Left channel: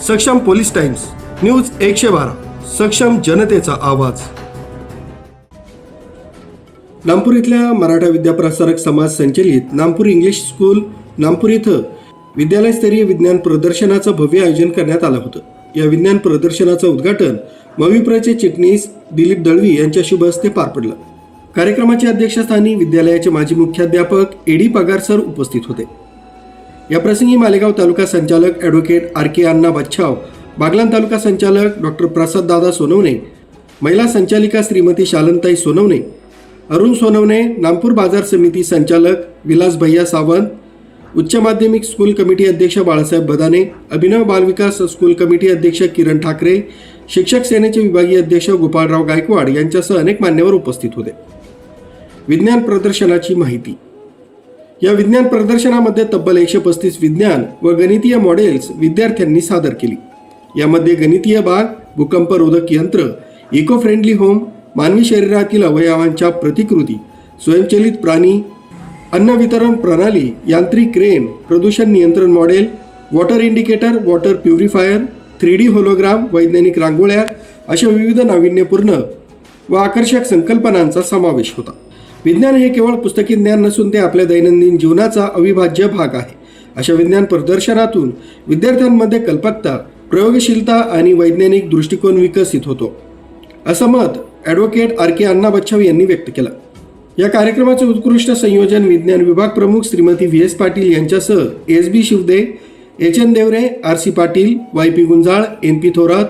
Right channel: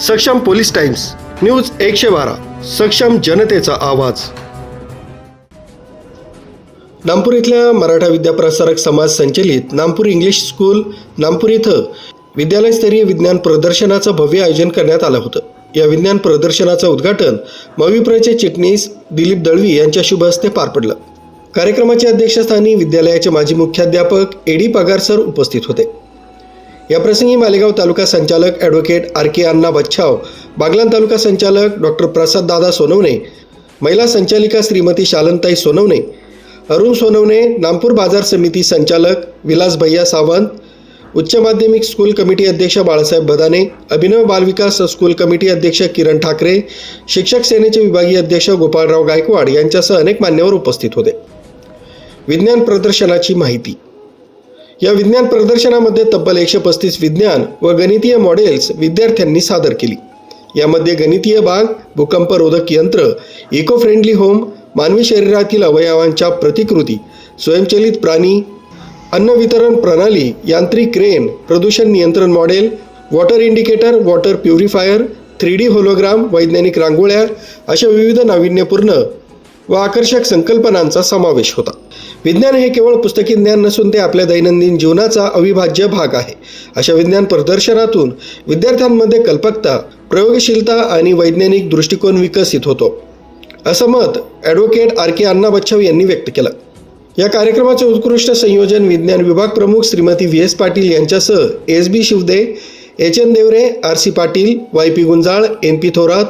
सक्षम police times news 112 सक्षम जनतेचा आवाज। नामपूर इथल्या मराठा विद्याप्रसारक समाज संचलित नामपूर इंग्लिश स्कूल नामपूर इथं विद्यालयस्तरीय विज्ञान प्रदर्शनाचं भव्य आयोजन करण्यात आलं होतं। या विज्ञान प्रदर्शनाचं उद्घाटन मविप्रचे चिटणीस दिलीप दळवी यांच्या शुभ हस्ते पार पडलं। कार्यक्रमाच्या अध्यक्षस्थानी विद्यालयाचे माजी मुख्याध्यापक एडी पगार सर उपस्थित होते। याप्रसंगी मालेगाव तालुका संचालक ॲडव्होकेट आर.के. अण्णा बच्छाव, बागलाण तालुका संचालक डॉक्टर प्रसाद दादा सोनवणे, महिला संचालिका श्रीमती शालनताई सोनवणे, अरुण सोनवणे, नामपूर बाजार समिती संचालक विलास भैया सावंत, उच्च माध्यमिक स्कूल कमिटी अध्यक्ष बाळासाहेब बदाने, अभिनव बालविकास स्कूल कमिटी अध्यक्ष किरण ठाकरे, शिक्षक सेनेचे विभागीय अध्यक्ष गोपाळराव गायकवाड यांच्यासह अनेक मान्यवर उपस्थित होते। विज्ञान प्रदर्शनाची माहिती। या विज्ञान प्रदर्शनामध्ये तब्बल 135 विज्ञान व गणितीय मॉडेल्स विद्यार्थ्यांनी सादर केली। यामध्ये गणितीय बाग, भूकंपरोधक यंत्र, इको फ्रेंडली होम, मानवी शरीरातील अवयवांच्या प्रतिकृती, स्वयंचलित प्राणी, अन्न वितरण प्रणाली, यांत्रिक क्रेन, प्रदूषण नियंत्रण model, water indicator, water purifier, 3D hologram, वैज्ञानिक रांगोळ्या अशा विविध नाविन्यपूर्ण व आकर्षक संकल्पनांचा समावेश होता। विज्ञान हे केवळ पुस्तकी ज्ञान नसून ते आपल्या दैनंदिन जीवनाचा अविभाज्य भाग आहे। अशा विज्ञान प्रदर्शनातून विद्यार्थ्यांमध्ये कल्पकता, प्रयोगशीलता आणि वैज्ञानिक दृष्टिकोन विकसित होतो, असं मत ॲडव्होकेट आर.के. अण्णा बच्छाव यांनी व्यक्त केलं। या कार्यक्रमाचे उत्कृष्ट संयोजन विज्ञान विभाग प्रमुख श्रीमती व्ही.एस. पाटील यांच्यासह S B. Shivde, H N. Devre, R C. Patil, Y P. Gunjal, N P. Thorat,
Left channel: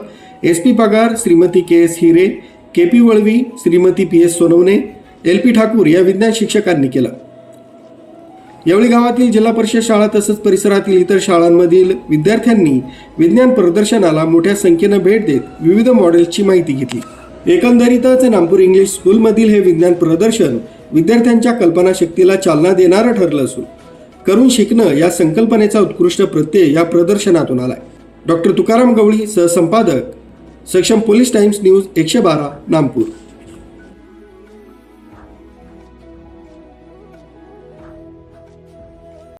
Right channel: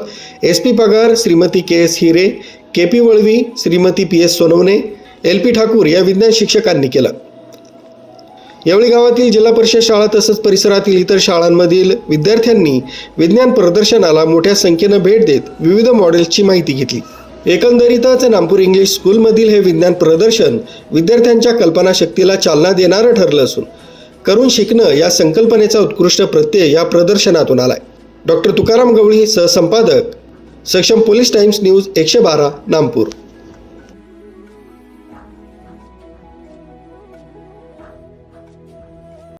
S P. Pagar, Shrimati K S. Hire, K P. Valvi, Shrimati P S. Sonawane, L P. Thakur या विज्ञान शिक्षकांनी केलं। यावेळी गावातील जिल्हा परिषद शाळा तसंच परिसरातील इतर शाळांमधील विद्यार्थ्यांनी विज्ञान प्रदर्शनाला मोठ्या संख्येनं भेट देत विविध मॉडेल्सची माहिती घेतली। एकंदरीतच नामपूर इंग्लिश स्कूलमधील हे विज्ञान प्रदर्शन विद्यार्थ्यांच्या कल्पनाशक्तीला चालना देणारं ठरलं असून करून शिकणं या संकल्पनेचा उत्कृष्ट प्रत्यय या प्रदर्शनातून आलाय। डॉक्टर तुकाराम गवळी, सहसंपादक, सक्षम पोलीस टाइम्स न्यूज 112 नामपूर।